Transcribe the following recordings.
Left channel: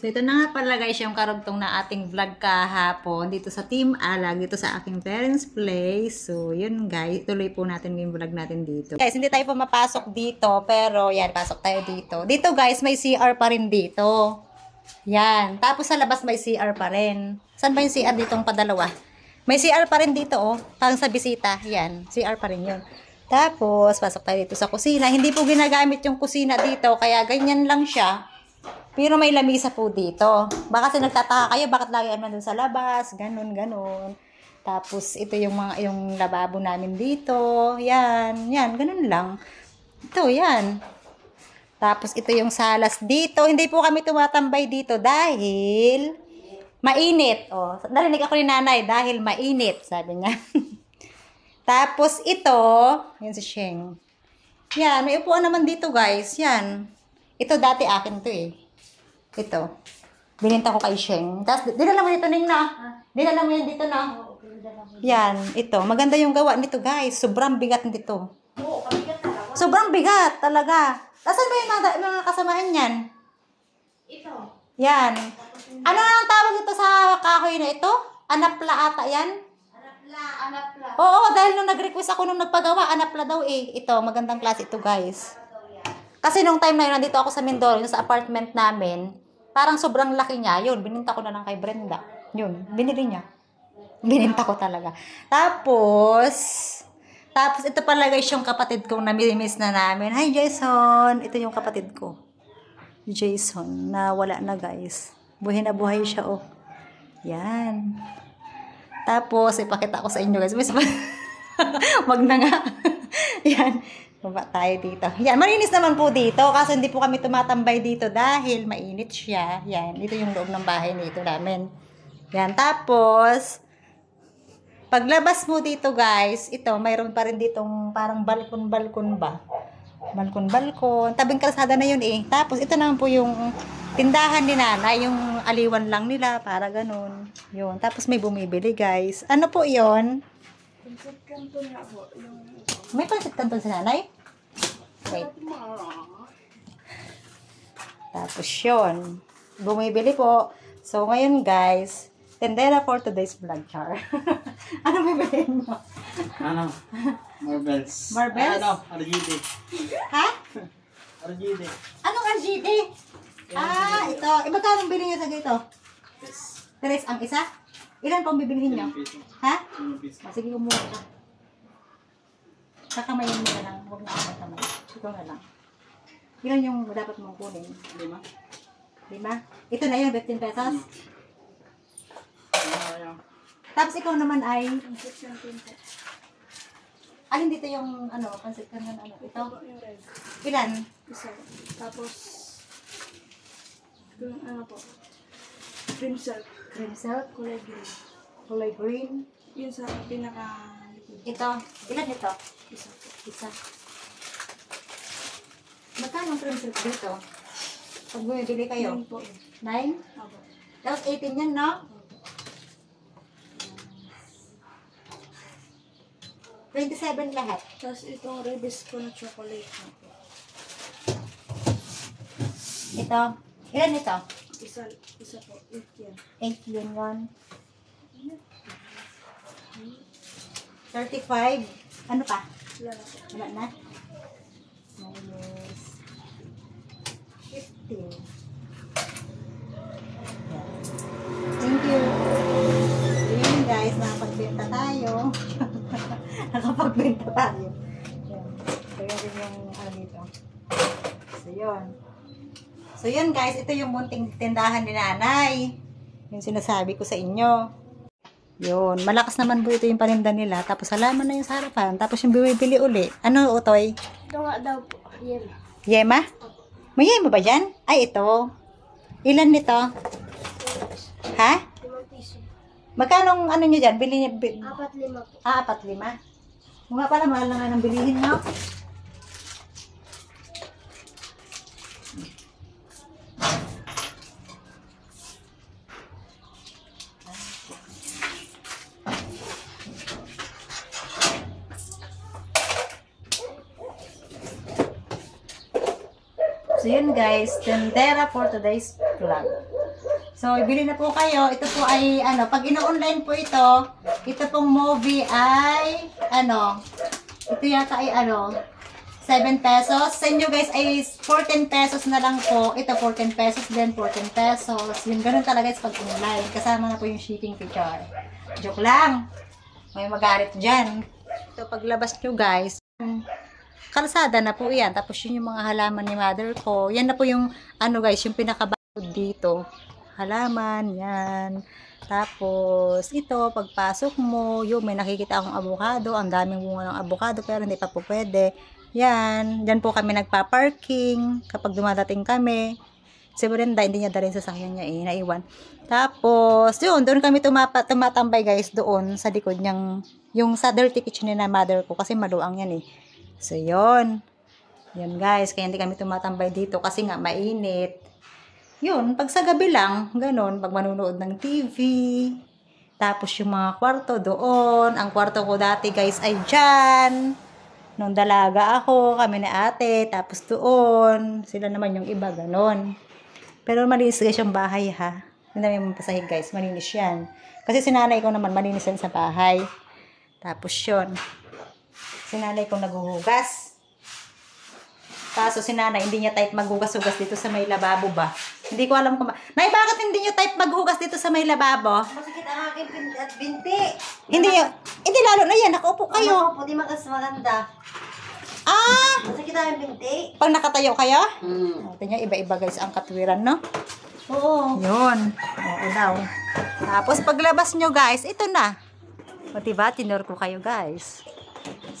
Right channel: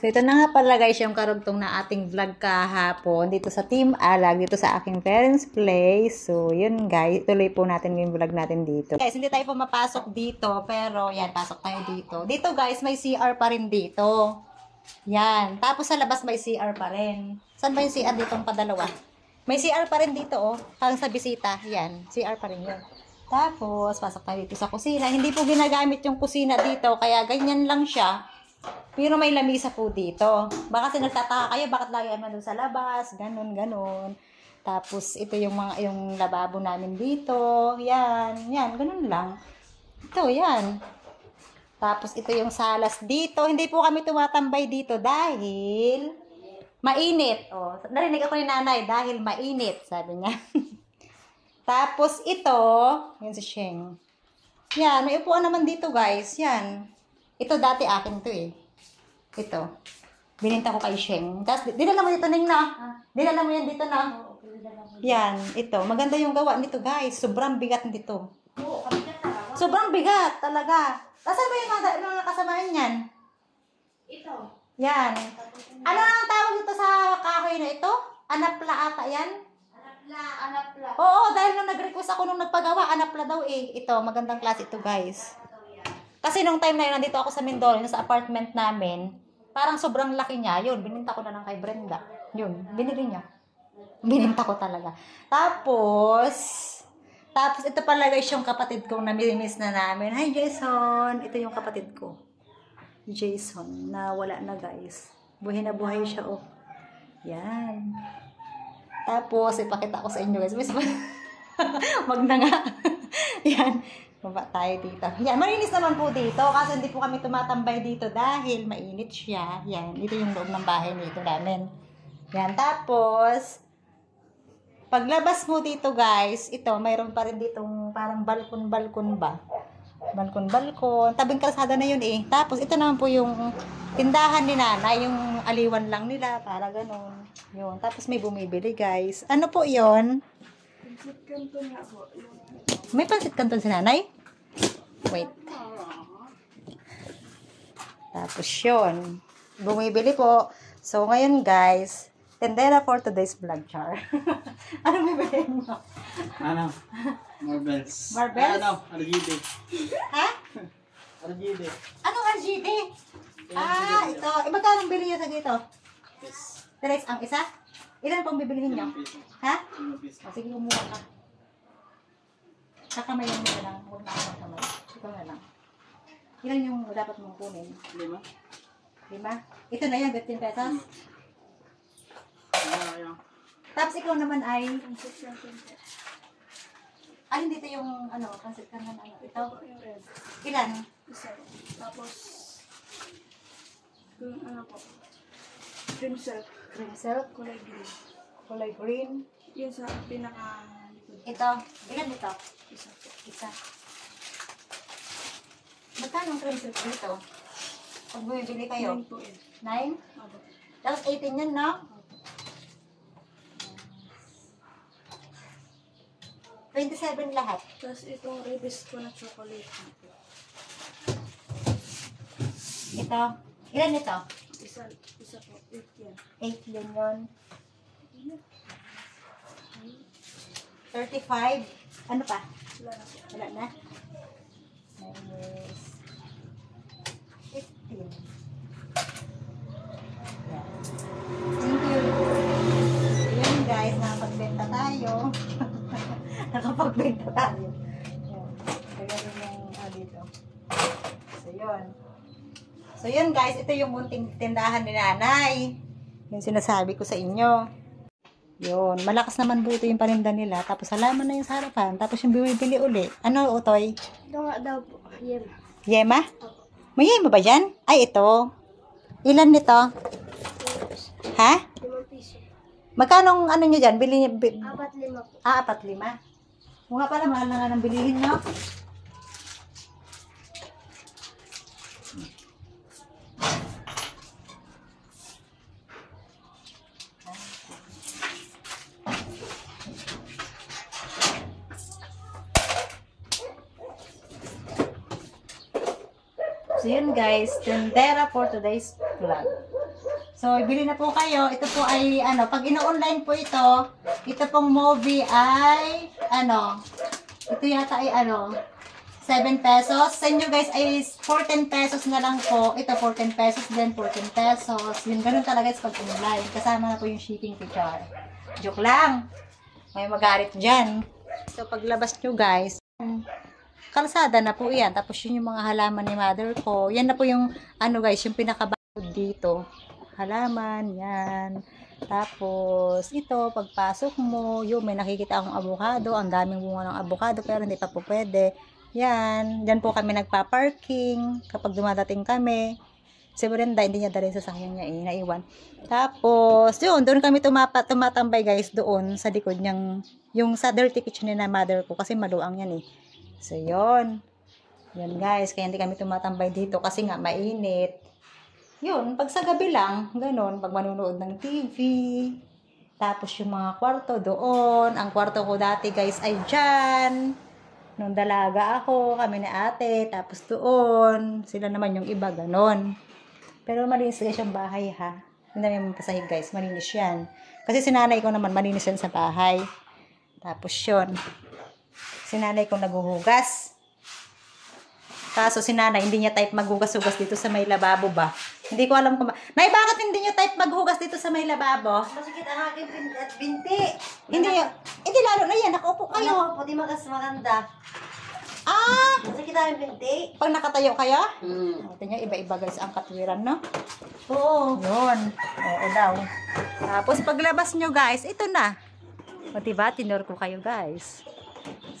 So, ito na nga pala guys yung karugtong na ating vlog kahapon dito sa Team Alag, dito sa aking parents' place. So, yun guys, tuloy po natin yung vlog natin dito. Guys, hindi tayo pumapasok dito, pero yan, pasok tayo dito. Dito guys, may CR pa rin dito. Yan. Tapos sa labas may CR pa rin. Saan ba yung CR ditong padalawa? May CR pa rin dito, oh. Parang sa bisita. Yan. CR pa rin yun. Tapos, pasok tayo dito sa kusina. Hindi po ginagamit yung kusina dito, kaya ganyan lang siya. Pero may lamisa po dito. Baka kasi nagtataka kayo, bakit lagi ano dun sa labas, ganun, ganun. Tapos, ito yung lababo namin dito. Yan, yan, ganun lang. Ito, yan. Tapos, ito yung salas dito. Hindi po kami tumatambay dito dahil mainit. O, narinig ako ni nanay, dahil mainit, sabi niya. Tapos, ito, yan si Sheng. Yan, may upuan naman dito, guys. Yan. Ito dati akin to eh. Ito. Bininta ko kay Sheng. Tapos, dinala mo dito, Ning na. Dinala mo yan dito na. Yan, ito. Maganda yung gawa nito, guys. Sobrang bigat nito. Sobrang bigat, talaga. Nasaan ba yung mga kasamaan yan? Ito. Yan. Ano nga ang tawag dito sa kahoy na ito? Anapla ata yan? Anapla. Oo, dahil nung nag-request ako nung nagpagawa, anapla daw eh. Ito, magandang klase ito, guys. Kasi nung time na yun, nandito ako sa Mindoro, sa apartment namin, parang sobrang laki niya. Yun, bininta ko na lang kay Brenda. Yun, binili niya. Bininta ko talaga. Tapos ito pala guys yung kapatid kong namimiss na namin. Hi, Jason! Ito yung kapatid ko. Jason, na wala na guys. Buhay na buhay siya, oh. Yan. Tapos, ipakita ko sa inyo guys. Wag na nga. Yan. Baba tayo dito. Yan, malinis naman po dito. Kasi hindi po kami tumatambay dito dahil mainit siya. Yan, ito yung loob ng bahay nito namin. Yan, tapos, paglabas mo dito guys, ito, mayroon pa rin ditong parang balkon-balkon ba? Balkon-balkon. Tabing kalsada na yun eh. Tapos, ito naman po yung tindahan ni nanay. Yung aliwan lang nila, para ganun. Yun. Tapos, may bumibili guys. Ano po yun? Pansit kanton nga po. May pansit kanton si nanay? Wait. Tapos yun. Bumibili po. So, ngayon guys, tendera for today's vlog, char. Ano bibiliin mo? Ano? Marbles. Marbles? Ano? RGD. Ha? RGD. Anong RGD? Ah, ito. Magkano bili niyo sa dito? Yes. 3 ang isa? Ilan pong bibilihin niyo? Ha? Piso. Oh, sige, umuha ka. Kakamayan mo ka lang. Huwag na ako kamay. Ikaw na lang. Ilan yung dapat mong kunin? 5. 5? Ito na yun, 15 pesos? Ano? Tapos ikaw naman ay, Pansit kanton po. alin dito yung, ano, pansit ka na, ano, ito? Yung red. Ilan? Isa. Tapos, yung ano po. Cream silk. Cream silk, Kulay green. kulay green. Yun sa pinaka likod. Ito, ilan ito? Isa po. Isa. Magkano ang cream silk dito? Pag bumibili kayo? 9 po. 9? Abo. Tapos 18 yan, no? 27 lahat. Tapos itong rebis ko na chocolate na po. Ito. Ilan ito? Isa po. 8 yan. 8 yun yun. 35. Ano pa? Wala na po. Wala na? Minus 15. Thank you. Ayan guys, nakapagbenta tayo. Nakapagbenta tayo. Ayan. Kaya rin yung dito. So, yun. So, yun guys. Ito yung munting tindahan ni nanay. Yung sinasabi ko sa inyo. Yun. Malakas naman po ito yung paninda nila. Tapos, halaman na yung sa harapan. Tapos, yung bumibili uli. Ano, Utoy? Ito nga daw po. Yema. Yema? May yema ba dyan? Ay, ito. Ilan nito? Ha? 5 piso. Magkano ano nyo dyan? 4-5 po. 4-5? Mga pala, mahal na nga ng bilihin, no? So, yun guys, tendera for today's vlog. So, bili na po kayo. Ito po ay, ano, pag ino-online po ito pong movie ay, ano, ito yata ay, ano, 7 pesos. Sa inyo guys ay 14 pesos na lang po. Ito 14 pesos din, 14 pesos. Yun, ganun talaga sa pag online. Kasama na po yung shipping picture. Joke lang. May magalit dyan. So, paglabas nyo guys, kalsada na po yan. Tapos yun yung mga halaman ni mother ko. Yan na po yung, ano guys, yung pinakabakod dito. Halaman, yan. Tapos, ito, pagpasok mo, yun, may nakikita akong avocado. Ang daming bunga ng avocado, pero hindi pa po pwede. Yan. Diyan po kami nagpa-parking kapag dumadating kami. Si Brenda, hindi niya dalhin sa sasakyan niya naiwan. Tapos, yun, doon kami tumatambay guys, doon sa likod niyang, yung sa dirty kitchen na mother ko, kasi maluang yan So, yun. Yun guys, kaya hindi kami tumatambay dito kasi nga mainit. Yun, pag sa gabi lang, ganun, pag manunood ng TV. Tapos yung mga kwarto doon. Ang kwarto ko dati guys ay dyan. Nung dalaga ako, kami na ate. Tapos doon, sila naman yung iba, ganun. Pero malinis guys yung bahay ha. Hindi namin mapasahig guys, malinis yan. Kasi sinanay ko naman, malinis yan sa bahay. Tapos yun. Sinanay ko naghuhugas. Kaso si nanay, hindi niya type maghugas-hugas dito sa may lababo ba? Hindi ko alam kung Nay, bakit hindi niyo type maghugas dito sa may lababo? Masikit ang aking binti. Hindi lalo na yan. Nakaupo kayo. Ako po, di makas maganda. Masikit ang aking binti. Pag nakatayo kayo? Tingnan, iba-iba guys ang katwiran, no? Oo. Yun. Oo daw. Tapos paglabas nyo guys, ito na. O diba, tinur ko kayo guys.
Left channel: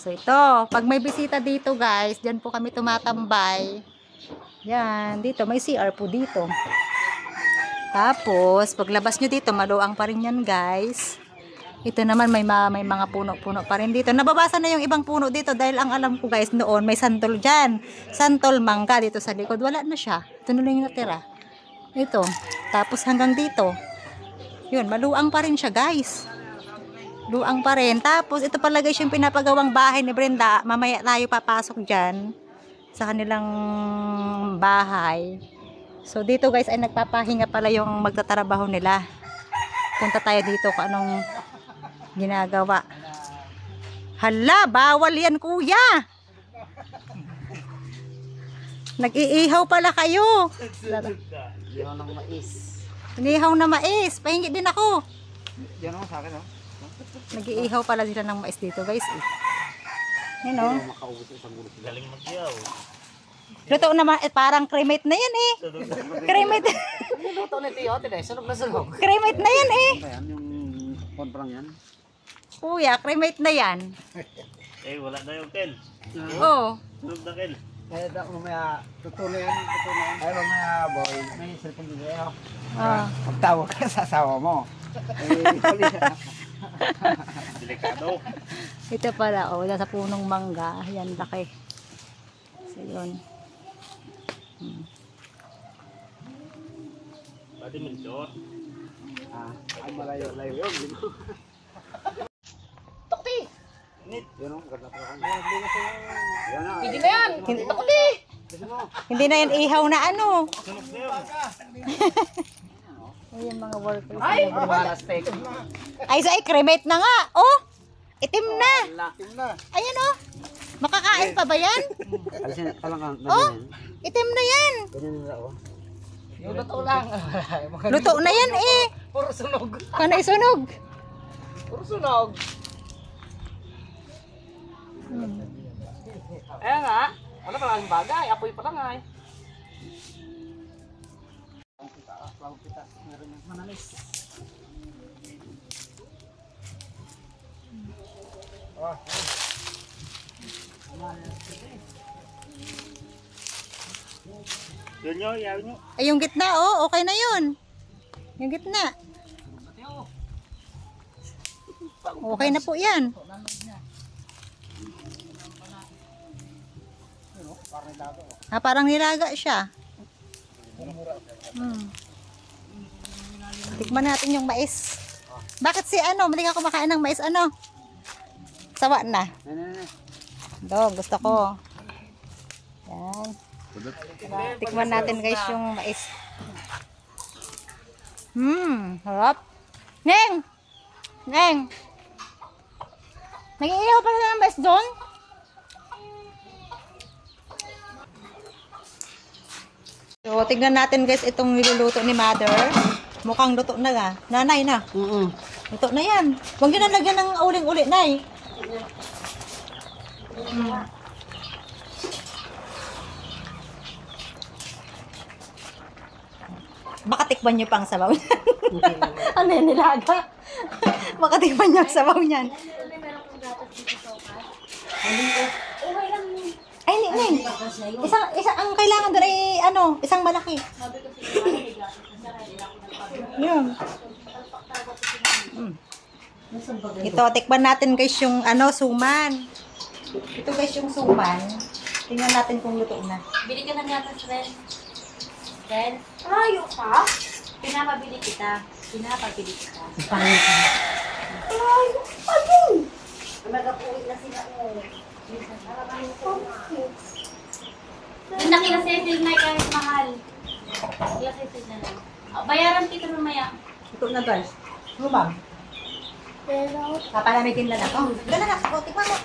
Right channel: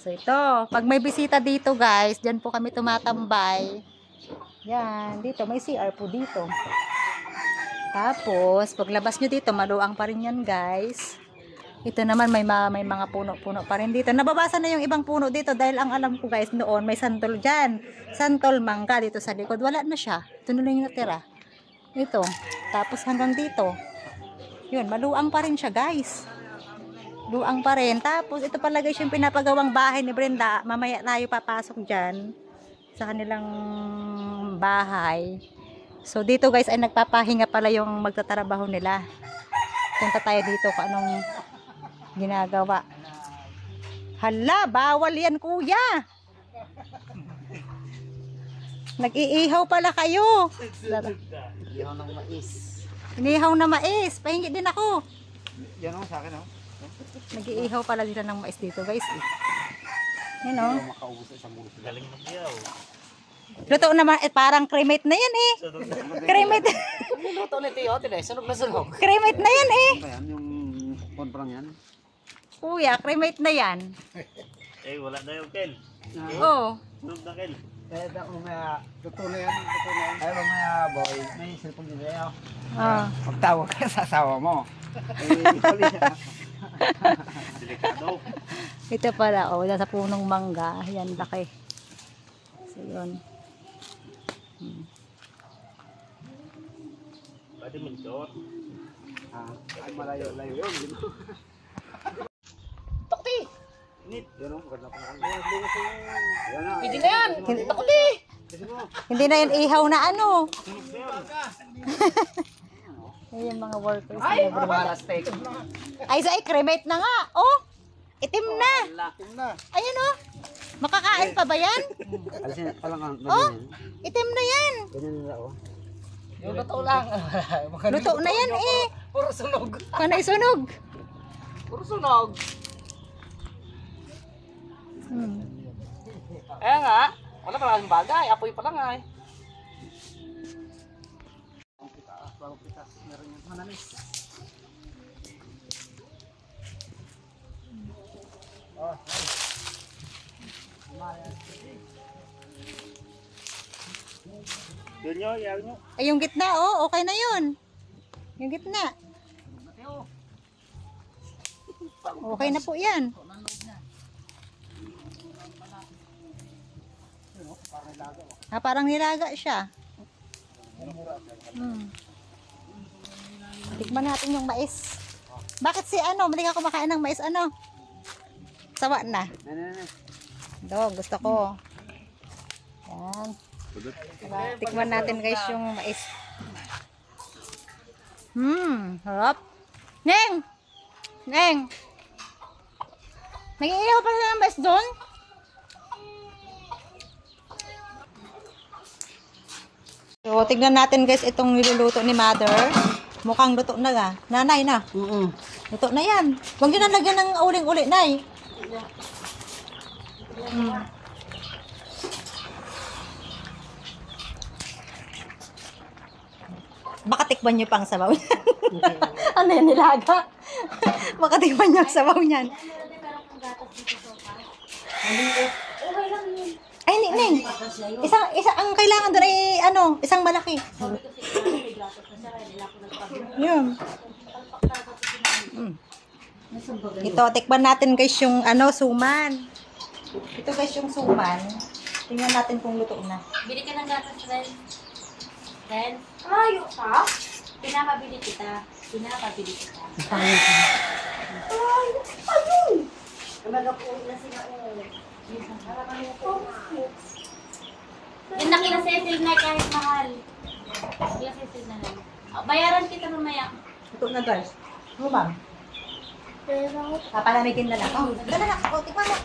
So ito, pag may bisita dito guys, dyan po kami tumatambay. Yan, dito, may CR po dito. Tapos, paglabas nyo dito, maluang pa rin yan guys. Ito naman, may mga puno-puno pa rin dito. Nababasa na yung ibang puno dito dahil ang alam ko guys, noon may santol dyan. Santol mangga dito sa likod. Wala na siya. Ito na lang yung natira. Ito. Tapos hanggang dito. Yun, maluang pa rin siya guys. Luang pa rin. Tapos, ito pala guys yung pinapagawang bahay ni Brenda. Mamaya tayo papasok dyan sa kanilang bahay. So, dito guys ay nagpapahinga pala yung magtatrabaho nila. Punta tayo dito kung anong ginagawa. Hala, bawal yan kuya. Nag-iihaw pala kayo. Ihaw ng mais. Inihaw na mais. Pahingi din ako. Yan mo sa akin, no? Nag-iihaw pala sila ng mais dito guys. Yan o. Makaubos isang gulo. Galing mag-ihaw. Luto naman, parang cremate na yan Cremate. Luto na ito yun, sunog na sunog. Cremate na yan Ayan, yung konprang yan. Kuya, cremate na yan. Wala na yung Kel. Oo. Sunog na Kel. Kaya daw mamaya tutuloy. Ay mamaya boy, may cellphone din kayo. Magtawag ka sa asawa mo. Delikado. Ito pala, nasa punong mangga. Yan, laki. So, yun. Pwede milchot. Ay malayo yun. Init. Yan o, maganda pa ako. Yan na. Hindi na yan. Hindi na yan ihaw na ano. Ayan mga workers. Ay, para steak. Ay, cremate na nga. Oh, itim na. Ayan oh. Makakain pa ba yan? Alisin ka lang. Oh, itim na yan. Ganyan nila oh. Yung luto lang. Luto na yan Puro sunog. Panay sunog. Puro sunog. Ayan nga. Ano pa lang bagay? Apoy pa lang ay. Yun nyo, yaw nyo. Ay, yung gitna okay na yun. Yung gitna. Okay na po yan. Parang nilaga siya. Tikman natin yung mais. Bakit si hindi ka kumakain ng mais Sawa na. Dog, gusto ko. Yan. Tikman natin guys yung mais. Harap. Neng! Neng! Nag-iihaw pa sila ng best doon? So, tignan natin guys itong niluluto ni Mother. Mukhang luto na ga. Nanay na. Luto na yan. Huwag yun nalagyan ng uling-uli, Nay. Baka tikman niyo pang sabaw. Ano yan, nilaga? Baka tikman niyo ang sabaw niyan. Ay, Ning. Isang ang kailangan doon ay isang malaki. Yun. Ito, tikman natin guys yung suman. Ito guys yung suman. Tingnan natin kung luto na. Bili ka ng gatas, Ren. Ren, Malayo ka? pinapabili kita. Pinapabili kita. Malayo ka yun! Nag-uwi na sila Yung nakilasetil na kahit mahal. Nakilasetil na lang. Bayaran kita mamaya. Luto na guys. Lumang. Pero, Papalamigin na lang. Oh, gana na. Oh, tikman mo.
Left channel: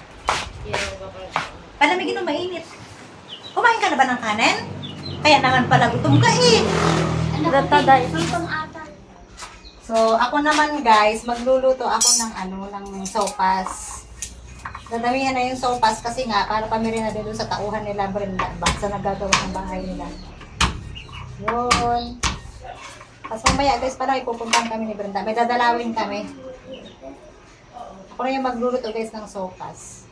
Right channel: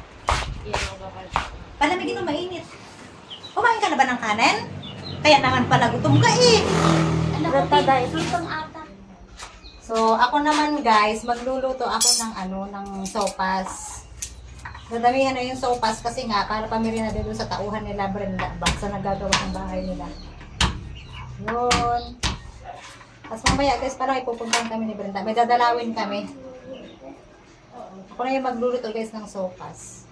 Palamigin mo mainit. Kumain ka na ba ng kanin? Kaya naman pala gutom ka eh. Anak ko, sultong ata. So, ako naman guys, magluluto ako ng ng sopas. Dadamihan na yung sopas kasi nga, para pamili na din doon sa tauhan nila, Brenda, sa nagagawa ng bahay nila. Yun. Tapos mamaya guys, parang ipupuntahan kami ni Brenda. May dadalawin kami. Ako na yung magluluto guys ng sopas.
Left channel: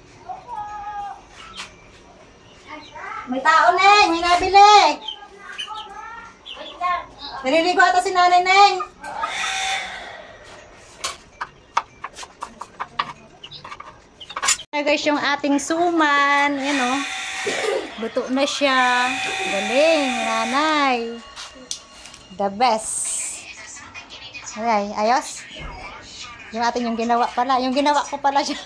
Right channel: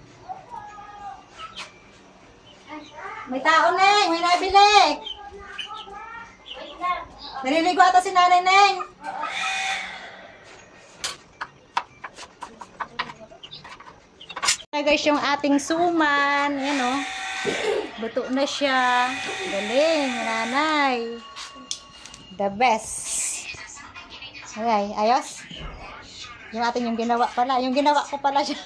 May tao, Neng! May nabili! Naliligo ata si Nanay, Neng! Ayan guys, yung ating suman. Ayan o. Luto na siya. Galing, Nanay. The best. Ayan, ayos. Yung ating yung ginawa pala. Yung ginawa ko pala siya.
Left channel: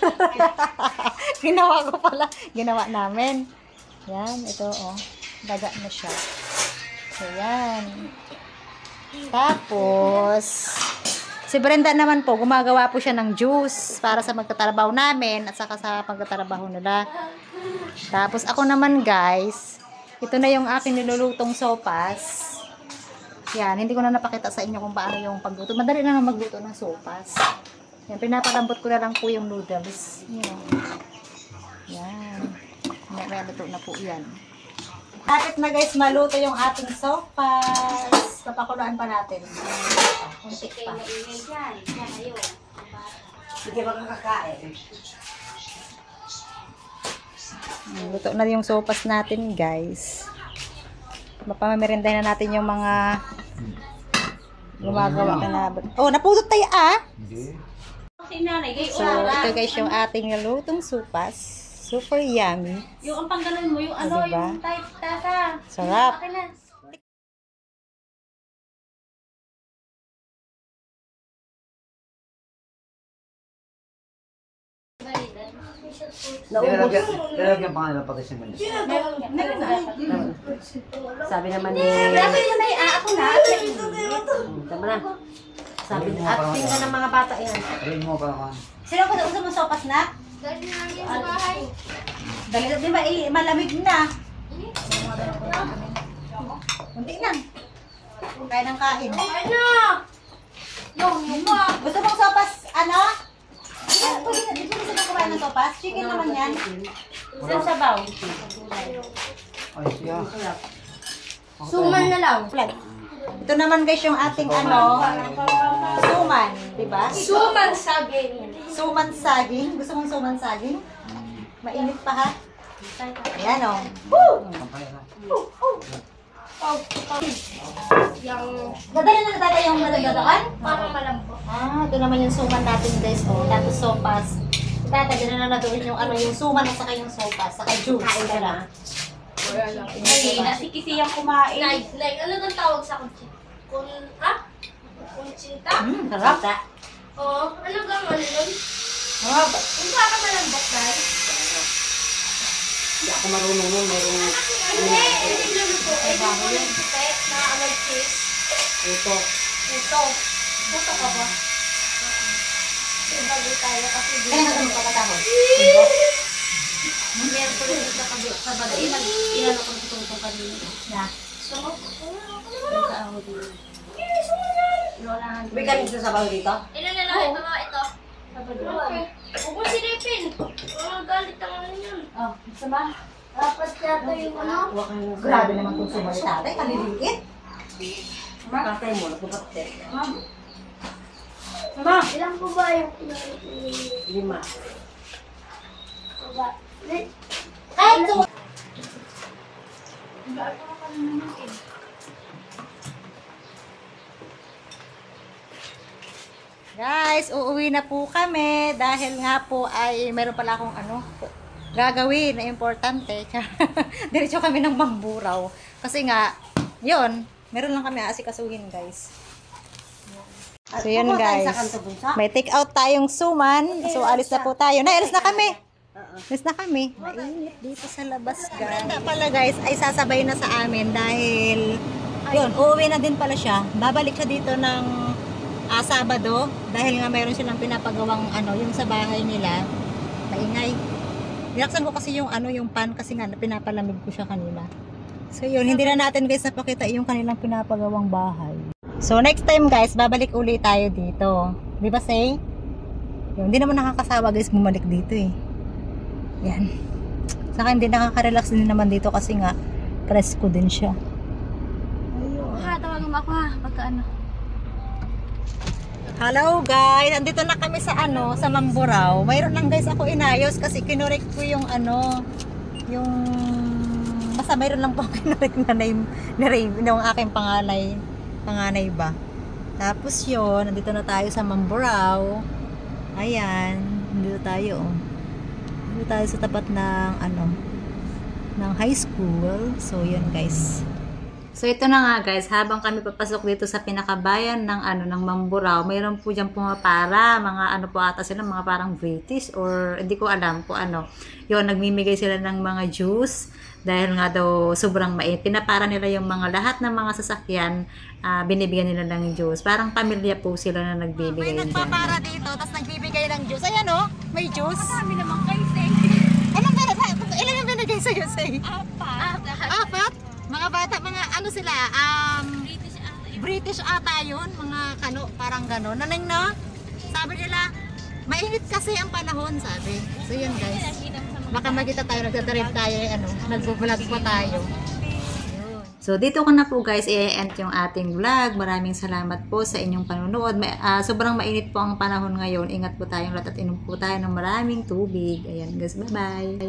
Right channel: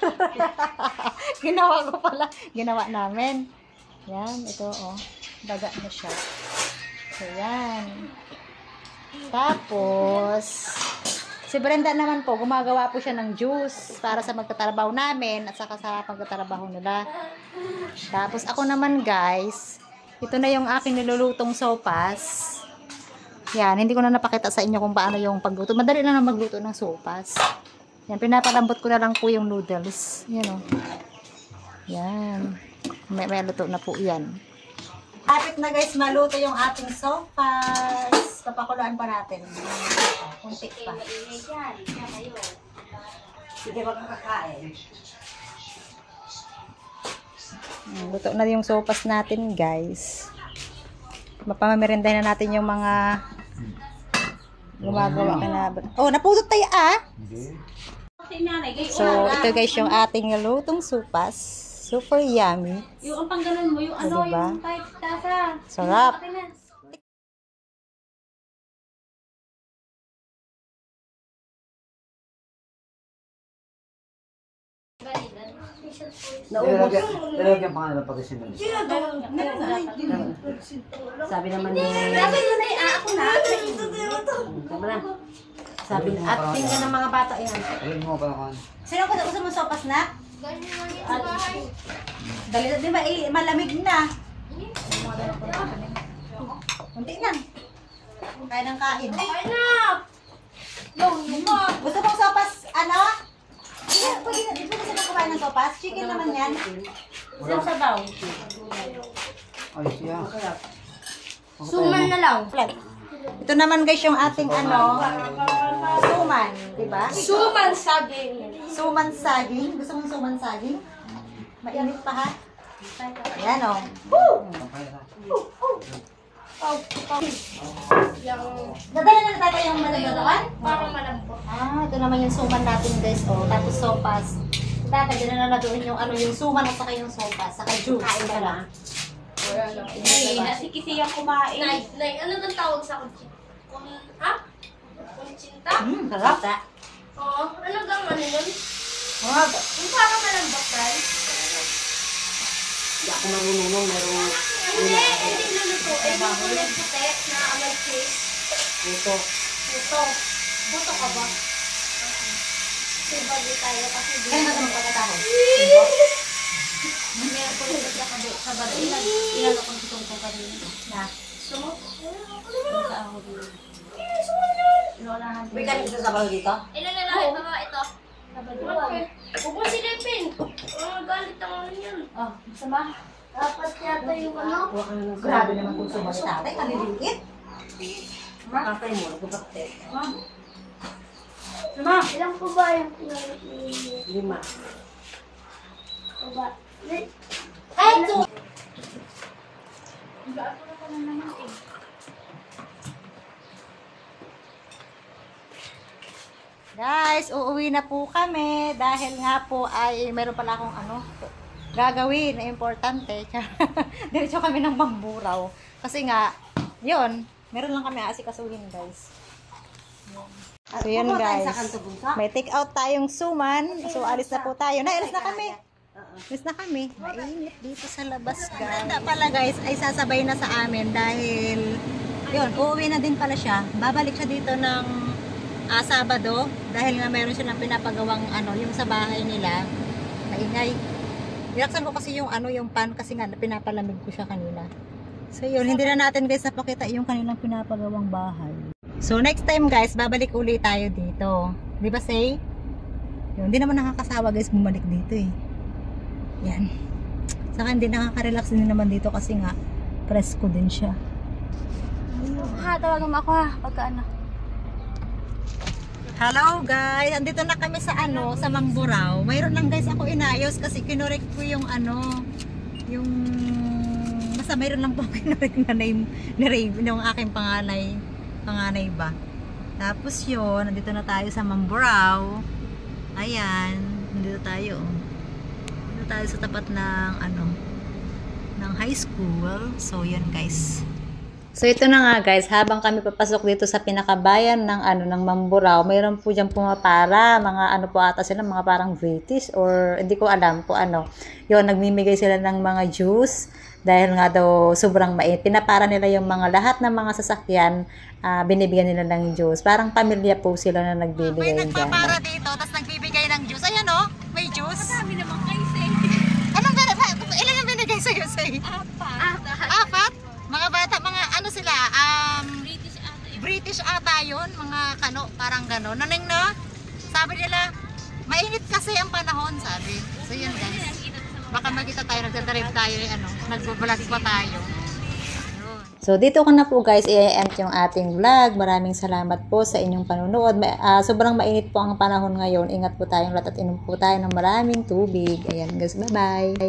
Ginawa namin. Yan, ito daga na siya. So, yan. Tapos, si Brenda naman po, gumagawa po siya ng juice para sa magtatrabaho namin at saka sa pagtatrabaho nila. Tapos, ako naman guys, ito na yung aking nilulutong sopas. Yan, hindi ko na napakita sa inyo kung paano yung pagluto. Madali na magluto ng sopas. Yan, pinapalambot ko na lang po yung noodles. Yan o. Yan. May luto na po yan. Lapit na guys, maluto yung ating sopas. Papakuluan pa natin. Kuntik pa. Sige, wag makakain. Luto na yung sopas natin guys. Mapamerindahin na natin yung mga gumagawa ka na. Oh, napudot tayo So, ito guys yung ating nalutong sopas. Super yummy. Yung ang panggalan mo, yung Diba? yung type tasa. Sarap. Okay na. Nilagyan pa nga nila pati simil. Sabi naman ni... Grabe mo na ako na. Tama na. Sabi na, at tingnan ng mga bata yan. Alin mo pa ako. Sino ko gusto mo sopas na? Dali, di ba malamig na. Kunti lang. Kaya ng kain. Gusto mong sopas, Pwede na sila kumain ng sopas? Chicken naman yan. Saan sabaw? Ay, siya. suman na lang. Ito naman guys yung ating suman, di ba? Suman saging. Suman saging. Gusto mong suman saging? Mainit pa ha? Ayan o. Sampay na. Dadali na tayo yung nalagdadaan? Parang malambot. Ito naman yung suman natin guys. Tapos sopas. Tatagyan na doon yung yung suman at saka yung sopas. Saka juice. Kain ka lang. Ay, nasikisi yung kumain. Like, ano nang tawag sa kutsin? Kutsinta? Sarap. Oo. Ano gang ano nun? Yung parang malambot dahil. Hindi ako marunong nun. Hindi luluto. Hindi luluto na agad cheese. Ito. Ito. Buto ka ba? Ibagi tayo kasi di. Kaya ka magpapatahon. Meron ko rin sa kabit. Sa bagay. Inalo ko ng tungtong kanina. Na. Ang tao din. May kami sa sabaw dito? Ilan na lang ito mga ito? Huwag mo silipin. Galit ang ano yan. Oh, sama. Dapat yata yung ano. Grabe naman kung sumali tatay. Kaliliit. Patay mo. Nagpapatay. Ilang po ba yung pinalit ni 5. Baba? Kahit so. Guys, uuwi na po kami dahil nga po ay meron pala akong gagawin na importante. Diretso kami ng Mamburao. Kasi nga, yun, meron lang kami aasikasuhin, guys. So, yun, guys. May take out tayong suman. So, alis na po tayo. Alis na kami. Alis na kami. Mainit dito sa labas, guys. Maganda pala, guys, ay sasabay na sa amin dahil, yun, uuwi na din pala siya. Babalik siya dito ng Sabado dahil nga mayroon silang pinapagawang yung sa bahay nila. Maingay. Nilaksan ko kasi yung yung pan kasi nga pinapalamig ko siya kanina. So yun, hindi na natin guys napakita yung kanilang pinapagawang bahay. So next time guys, babalik uli tayo dito. Di ba say? Yun, hindi naman nakakasawa guys bumalik dito eh. Yan. Saka hindi nakaka-relax din naman dito kasi nga presko din siya. Ayun. Tawagan mo ako ha. Pagka ano. Hello guys, andito na kami sa sa Mamburao. Mayroon lang guys ako inayos kasi kinorek ko yung yung basta mayroon lang po kinorek na name ni Ray, ng aking panganay ba. Tapos yun, andito na tayo sa Mamburao. Ayan, andito tayo. Andito tayo sa tapat ng ng high school. So yun guys. So ito na nga guys, habang kami papasok dito sa pinakabayan ng ng Mamburao, mayroon po diyan pumapara, mga po ata sila, mga parang British or hindi ko alam kung ano. Yon, nagmimigay sila ng mga juice dahil nga daw sobrang mainit. Pinapara nila yung mga lahat ng mga sasakyan, binibigyan nila ng juice. Parang pamilya po sila na nagbibigay diyan. May nagpapara dito, tapos nagbibigay ng juice. Ayan may juice. Kami naman kayo say. Anong ilan ang binigay sa iyo, say? 4. 4? Mga bata, mga sila, British ata yun, mga parang gano'n. Nanang no? Sabi nila, mainit kasi ang panahon, sabi. So yun guys, baka magkita tayo, nagdadrive tayo, nagbo-vlog pa tayo. Yun. So dito ko na po guys, i-end yung ating vlog. Maraming salamat po sa inyong panunood. Sobrang mainit po ang panahon ngayon. Ingat po tayong lahat at inom po tayo ng maraming tubig. Ayan guys, bye-bye.